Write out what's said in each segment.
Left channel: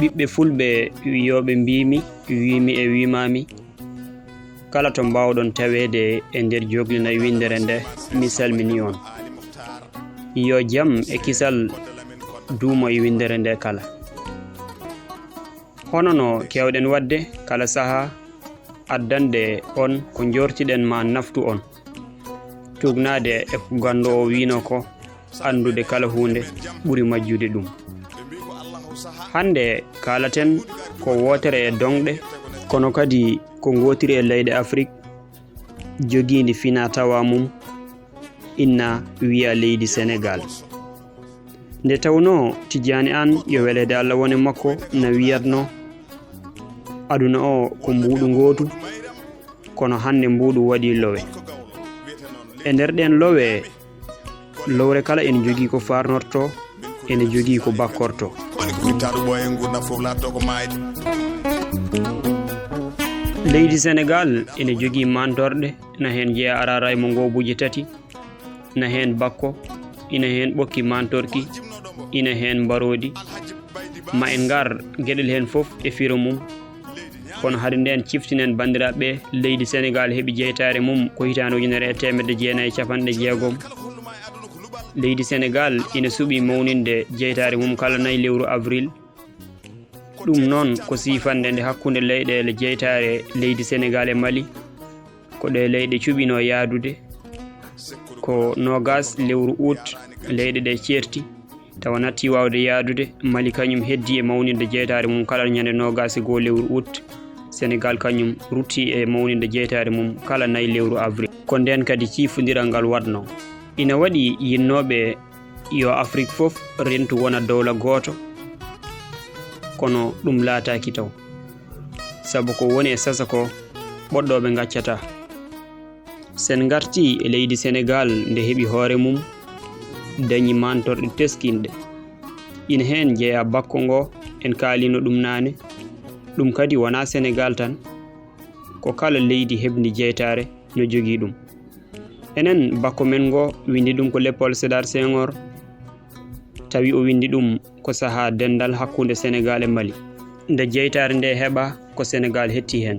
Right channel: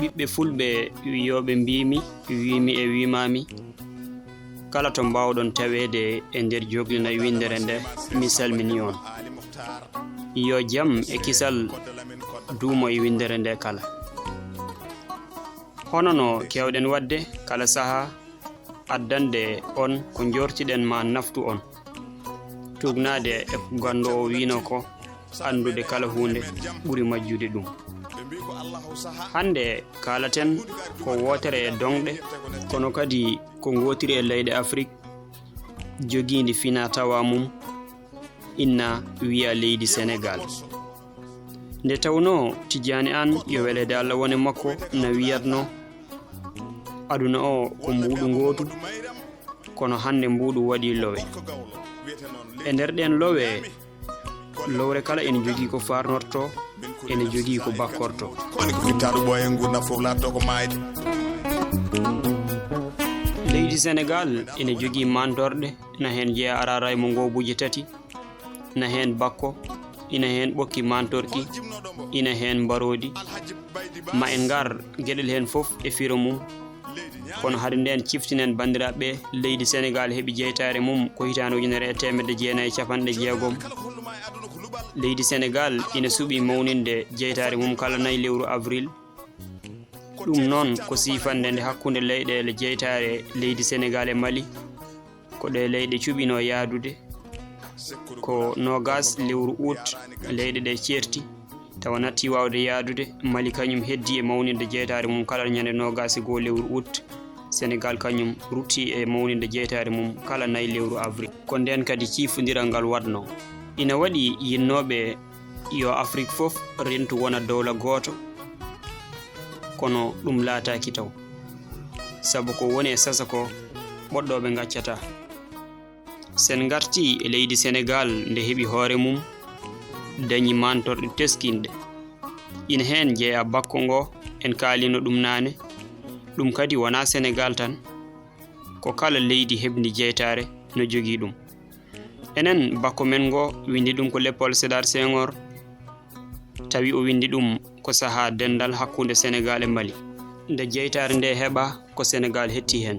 ɓiɓɓe fulɓe wiyoɓe mbimi e wimami kala to mbawɗon tawede e nder joglina windere nde mi salmini on. Yo jam e kisal duumo e windere nde kala. Hono no kewɗen wadde kala saha addande on ko jortiɗen ma naftu on, tugnade e ko gando o wino ko andude kala hunde ɓuri majjude ɗum. Hande kalaten ko wotere e donɗe kono kadi ko gotiri e leyɗe Afrique jogindi fina tawa mum inna wiya leydi Sénégal. Nde tawno Tidiani an yo welede Allah woni makko no wiyatno aduna o ko mbuɗu gotu kono hande mbuɗu waɗi lowe. E nder ɗen lowe lowre kala ene jogii ko farnorto ene jogii ko bakkorto. Leydi Sénégal ene jogii mantorɗe na hen jeeya arara e mo ngobuji tati, na hen bakko, ina hen ɓokki mantorki, ina hen mbarodi, ma en ngar gueɗel hen fof e firo mum. Kono hade nden ciftinen bandiraɓe leydi Sénégal heeɓi jeytare mum ko hitande 1960. Leydi Sénégal ina suuɓi mawninde jeytare mum kala 4 lewru avril. ɗum noon ko sifande nde hakkunde leyɗele jeytare leydi Sénégal e Mali ko ɗe leyɗe cuɓino yaadude ko 20 lewru août leyɗe ɗe certi tawa natti wawde yaadude. Mali kañum heddi e mawninde jeytare mum kala ñande 21 lewru août. Sénégal kañum rutti e mawninde jeytare mum kala 4 lewru avril. Ko nden kadi ciifodiral ngal wadno ina waɗi yinnoɓe yo Afrique fof rentu wona dowla goto, kono ɗum laataki taw sabu ko woni e sasa ko ɓoɗɗoɓe gaccata. Sen garti e leydi Sénégal nde heɓi hoore mum dañi mantorɗe teskinɗe, ina hen jeeya bakko ngo en kaalino ɗum nane. ɗum kadi wona Sénégal tan, ko kala leydi heɓdi jeytare no jogii ɗum. Enen bakko men ngo windi ɗum ko Léopold Sédar Senghor, tawi o windi ɗum ko saha dendal hakkunde Sénégal e Mali. Nde jeytare nde heɓa ko Sénégal hetti hen.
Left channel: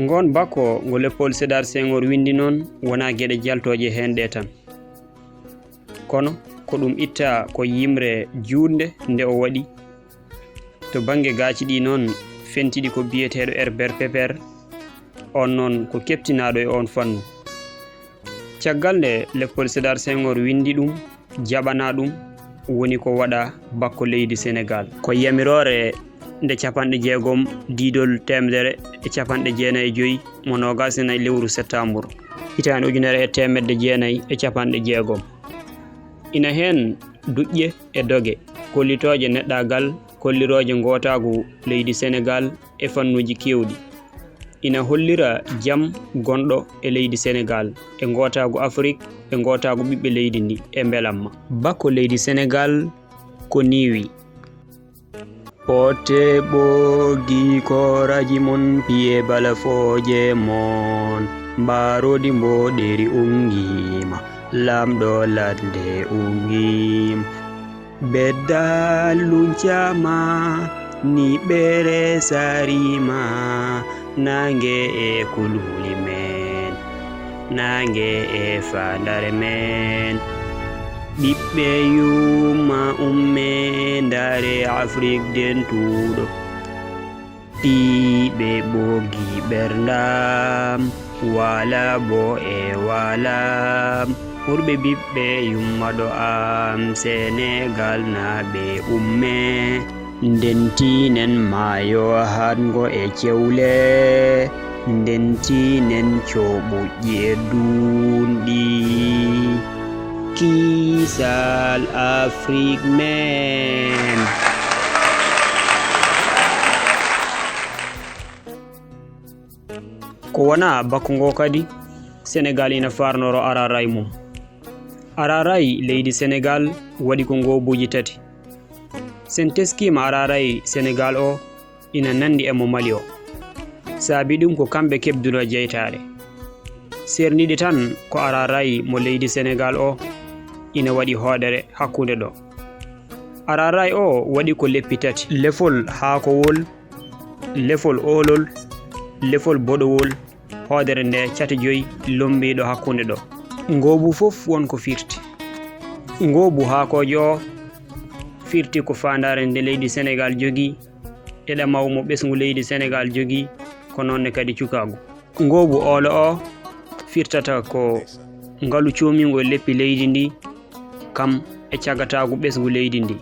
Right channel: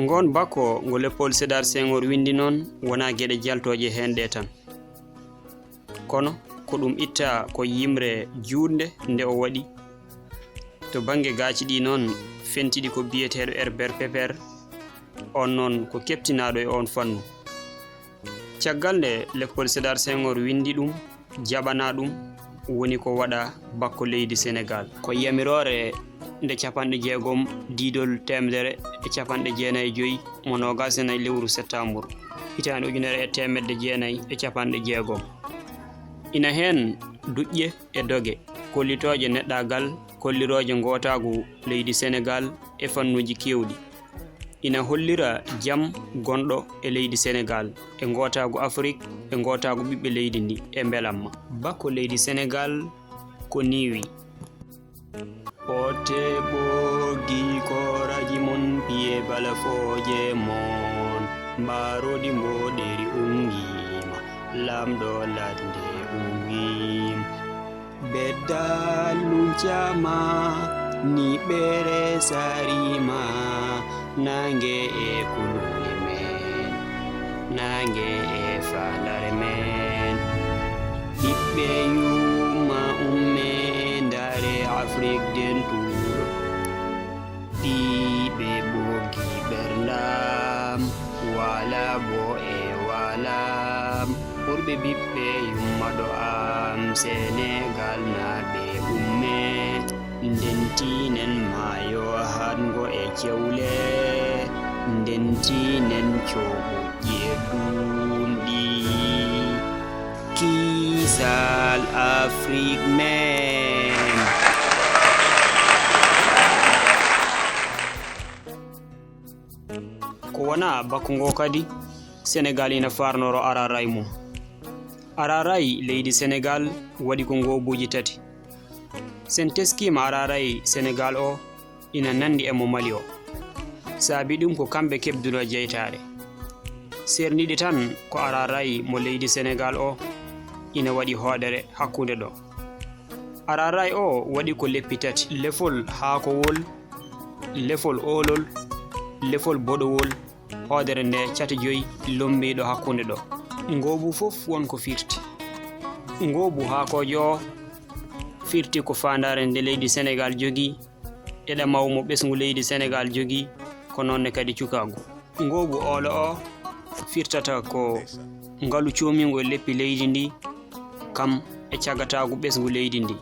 Ngon bakko ngo Léopold Sédar Senghor windi noon wona gueɗe jaltoje hen ɗe tan, kono ko ɗum itta ko yimre juutde nde o waɗi. To bange gaci ɗi noon fentiɗi ko biyeteɗo Herbert Pepper, on noon ko keptinaɗo e on fannu. Caggal nde Léopold Sédar Senghor windi ɗum jaɓana ɗum woni ko waɗa bakko leydi Sénégal ko yamirore nde 60 didol 195 mo 24 lewru septembre hitande 1960. Ina hen duƴƴe e doge kollitoje neɗɗagal kolliroje gotagu leydi Sénégal e fannuji kewɗi. Ina hollira jam gonɗo e leydi Sénégal e gotagu Afrique e gotagu ɓiɓɓe leydi ndi e belamma. Bakko leydi Sénégal ko niwi ote ɓogi koraji mon piye balafoje mon mbarodi mboɗeri ungima lamɗo ladde ungim beddal luncama ni ɓere sarima nange e kulhuli men nange e fandare men ɓiɓɓe yuma umme ndare Afrique dentuɗo ɗiɓe ɓogi ɓerdam wala bo e walam ɓurɓe ɓiɓɓe yummaɗo am Sénégal naɓe umme ndentinen mayo hango e cewle ndentinen coɓuƴƴi e dunɗi kisal Afrique men. Ko wona bakko ngo kadi Sénégal ina farnoro araray mum. Araray leydi Sénégal waɗi ko ngobuji tati. Sen teskima araray Sénégal o ina nandi e mo Mali o, saabi ɗum ko kamɓe kebduno jeytare. Serniɗi tan ko araray mo leydi Sénégal o ina waɗi hoɗere hakkunde ɗo. Araray o waɗi ko leppi tati: lefol haakowol, lefol olol, lefol boɗowol, hoodere nde cati joyi lombiɗo hakkunde ɗo. Ngoobu fof wonko firti. Ngoobu haakojo o firti ko fandare nde leydi Sénégal jogi e ɗamaw mo ɓesngu leydi Sénégal jogi, ko nonne kadi cukagu. Ngoobu olo o firtata ko ngalu comingo e leppi leydi ndi kam e cagatagu ɓesgu leydi ndi.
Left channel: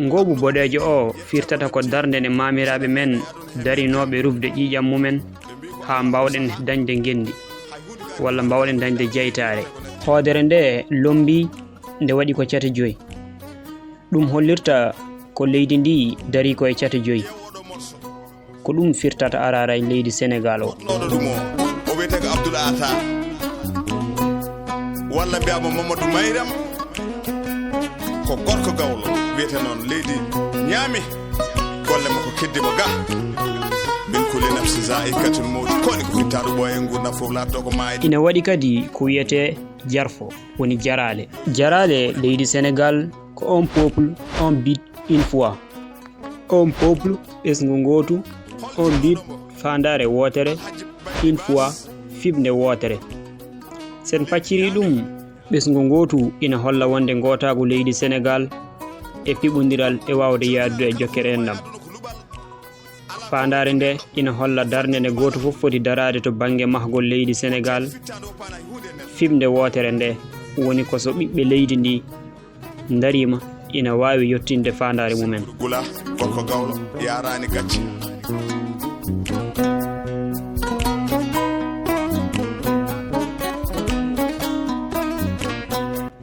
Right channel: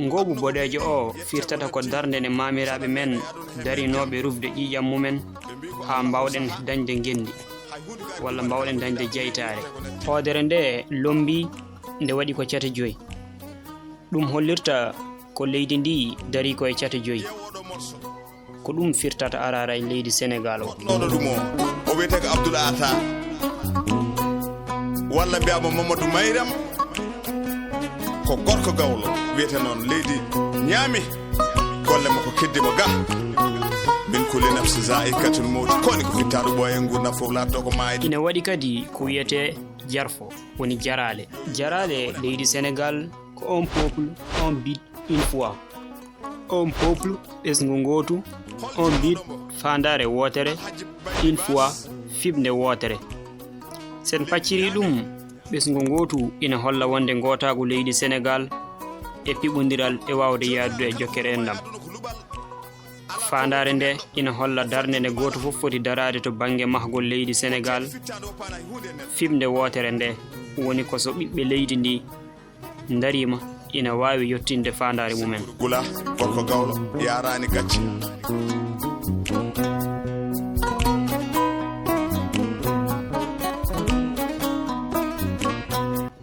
Ngoobu boɗejo o firtata ko darde nde mamiraɓe men darinoɓe rufde ƴiƴam mumen ha mbawɗen dañde gendi walla mbawɗen dañde jeytare. Hoodere nde lombi nde waɗi ko cati joyi. ɗum hollirta ko leydi ndi dari ko e cati joyi. ko ɗum firtata Araray leydi Sénégal o. o wiyete ko Abdoul Ata walla mbiyamo Mamadou Mayram, ko gorko gawlo wiyete noon leydi ñaami golle makko keddimo ga min kuli nafsi zaikatul mawt koni ko fittaɗo ɓooye gurdam fof latto ko mayde. ina waɗi kadi ko wiyete jarfo woni jarale. Jarale leydi Sénégal ko un peuple, un but, une foi. Un peuple ɓesngu gotu, un but fandare wotere, une foi fiɓde wotere. sen pacciri ɗum ɓesngu gotu ina holla wonde gotagu leydi Sénégal e piɓodiral e wawde yaddu e jokkere en ɗam. Fandare nde ina holla darde nde goto fof foti darade to banggue mahgol leydi Sénégal. Fiɓde wotere nde woni ko so ɓiɓɓe leydi ndi darima ina wawi yettinde fandare mumen. Gula gorko gawlo yarani gacci.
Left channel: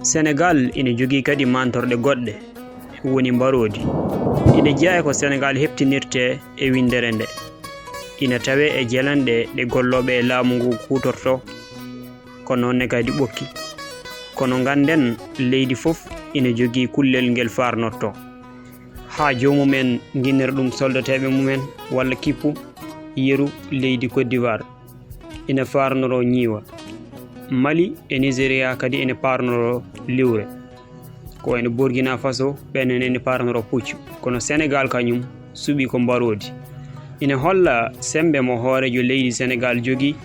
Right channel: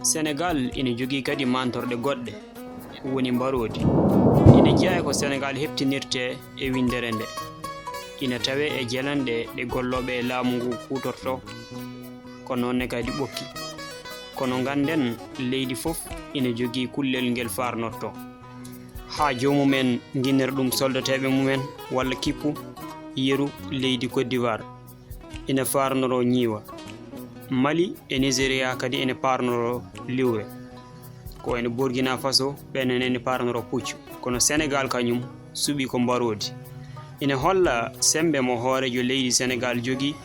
Sénégal ina jogui kadi mantorde goɗɗe woni mbarodi. ina jeeya ko Sénégal heptinirte e windere nde. ina tawe e jelanɗe ɗe golloɓe e laamu ngu kutorto, ko nonne kadi ɓokki. kono ganden leydi fof ina jogui kullel ngel farnorto ha jomumen guinnira ɗum soldateɓe mumen walla kippu yeru leydi Côte d'Ivoire ina farnoro ñiiwa. Mali e Nigeria kadi ene parnoro liwre, ko ene Burkina Faso ɓenen ene parnoro puccu. kono Sénégal kañum suuɓi ko mbarodi. ina holla sembe mo hoorejo leydi Sénégal jogui,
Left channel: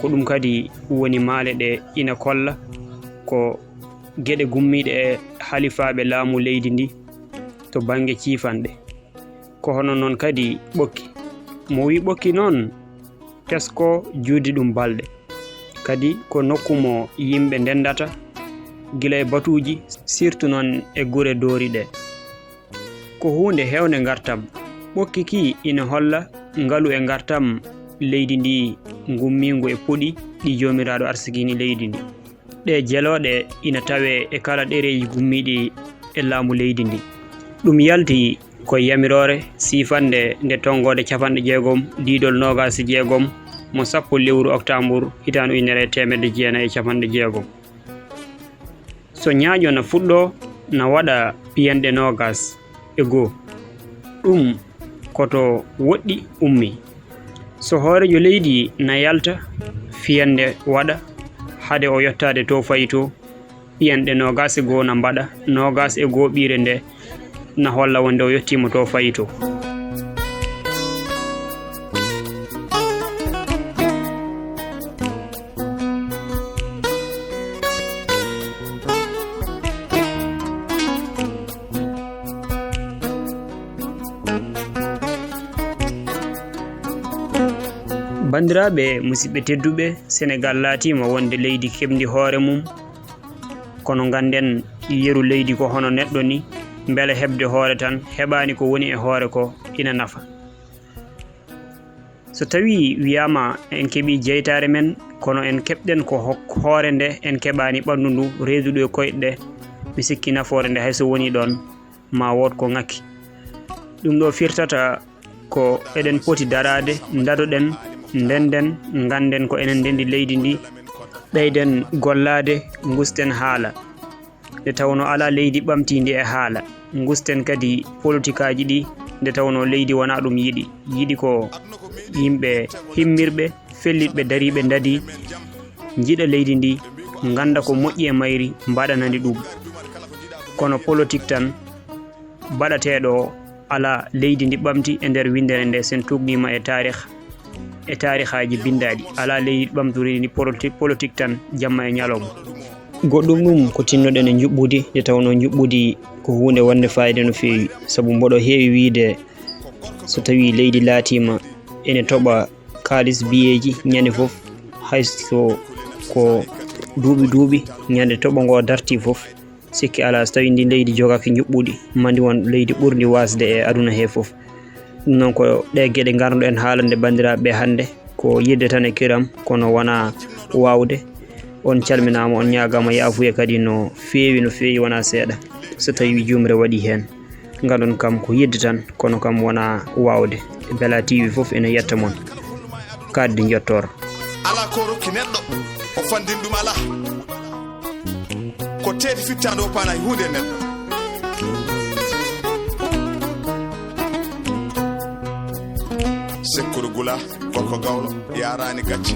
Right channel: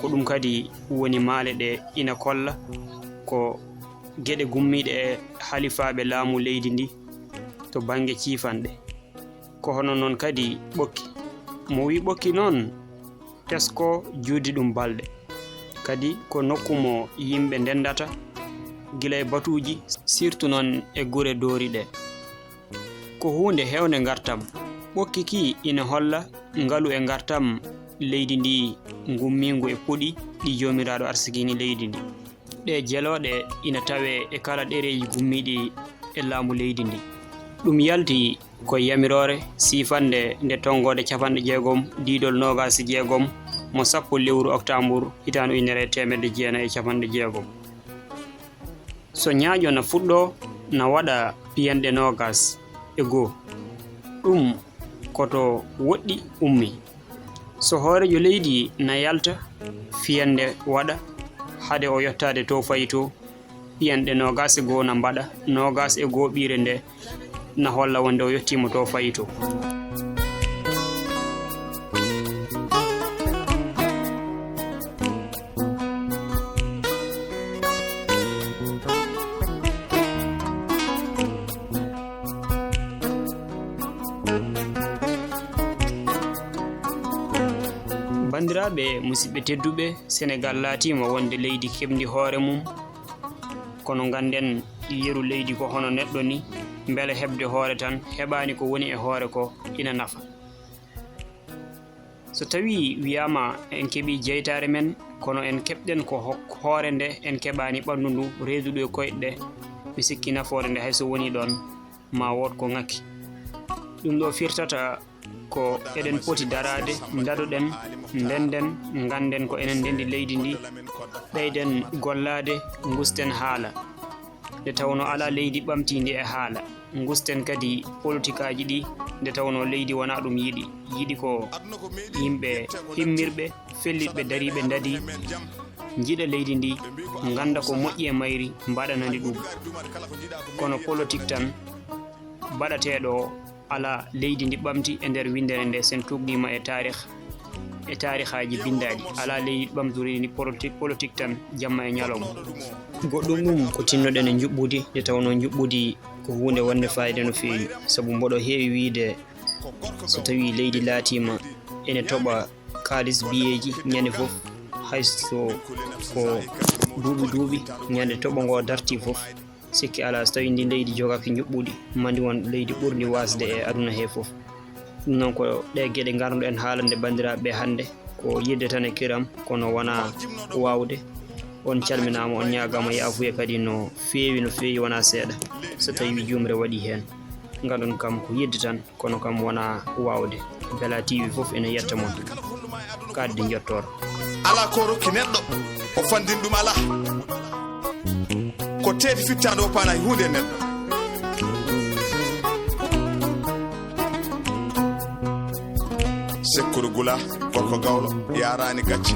ko ɗum kadi woni maale ɗe ina kolla ko gueɗe gummiɗe e halifaɓe laamu leydi ndi to banggue ciifanɗe. ko hono noon kadi ɓokki. mo wi ɓokki noon tesko juudi ɗum balɗe, kadi ko nokku mo yimɓe ndendata gila e batuji, surtout noon e gure doori ɗe. ko hunde hewde gartam. ɓokki ki ina holla ngalu e gartam leydi ndi gummingu e puɗi ɗi jomiraɗo arsigini leydi ndi. ɗe jeloɗe ina tawe e kala ɗereji gummiɗi e laamu leydi ndi. ɗum yalti ko yamirore sifande nde tongode 60 diidol 26 mo 10 lewru octobre hitande 1990. so ñaaƴo na fuɗɗo na waɗa piyanɗe 21. ɗum koto woɗɗi ummi. so hoorejo leydi na yalta fiyande waɗa hade o yettade to fayi to, piyanɗe 21 na mbaɗa 21 ɓiire nde na holla wonde o yettima to fayi to. bandiraɓe musidɓe tedduɓe, Sénégal laatima wonde leydi keɓdi hoore mum, kono ganden yeru leydi ko hono neɗɗo ni, beele heɓde hoore tan heɓani ko woni e hoore ko ina nafa. so tawi wiyama en keeɓi jeytare men, kono en keɓɗen ko hoore nde en keɓani ɓandu ndu reeduɗo e koyɗe ɗe, mi sikki nafoore nde hayso woni ɗon ma wood ko ngakki. ɗum ɗo firtata ko eɗen poti darade dadoɗen ndenden ganden ko enen ndendi leydi ndi, ɓeyden gollade, gusten haala nde tawno ala leydi ɓamtindi e haala, gusten kadi politique aji ɗi nde tawno leydi wona ɗum yiɗi ko yimɓe himmirɓe felliɓe dariɓe dadi jiiɗa leydi ndi, ganda ko moƴƴi e mayri, mbaɗanandi ɗum. kono politique tan baɗateɗo ala leydi ndi ɓamti e nder windere nde sen tugdima e tarihaji bindaɗi ala leydi ɓamturi ni politique tan jamma e ñalawma. Goɗɗum ɗum ko tinnoɗen e juɓɓudi nde tawno juɓɓudi ko hunde wonde fayida no fewi, saabu mboɗo heewi wiide so tawi leydi laatima ene toɓa kalis biyeji ñande foof, hayso ko duuɓi ñande toɓo ngo darti foof, sikki ala so tawi ndi leydi jogaki juɓɓudi mandi won leydi ɓurdi wasde e aduna he foof. Ɗum noon ko ɗe gueɗe garnoɗen haalande bandiraɓe hannde ko yidde tan e kiram kono wona wawde. On calminama, on ñagama yaafuya kadi no fewi wona seeɗa so tawi jumre waɗi hen. Ngaɗon kam ko yidde tan kono kam wona wawde. Bela TV foof ene yetta mon kadde jottoro. ala ko rokki neɗɗo o fandin ɗum ala ko teeti fittande o paana hunde neɗɗo. Sekkuru Gula Gorko Gawlo yarani gacci.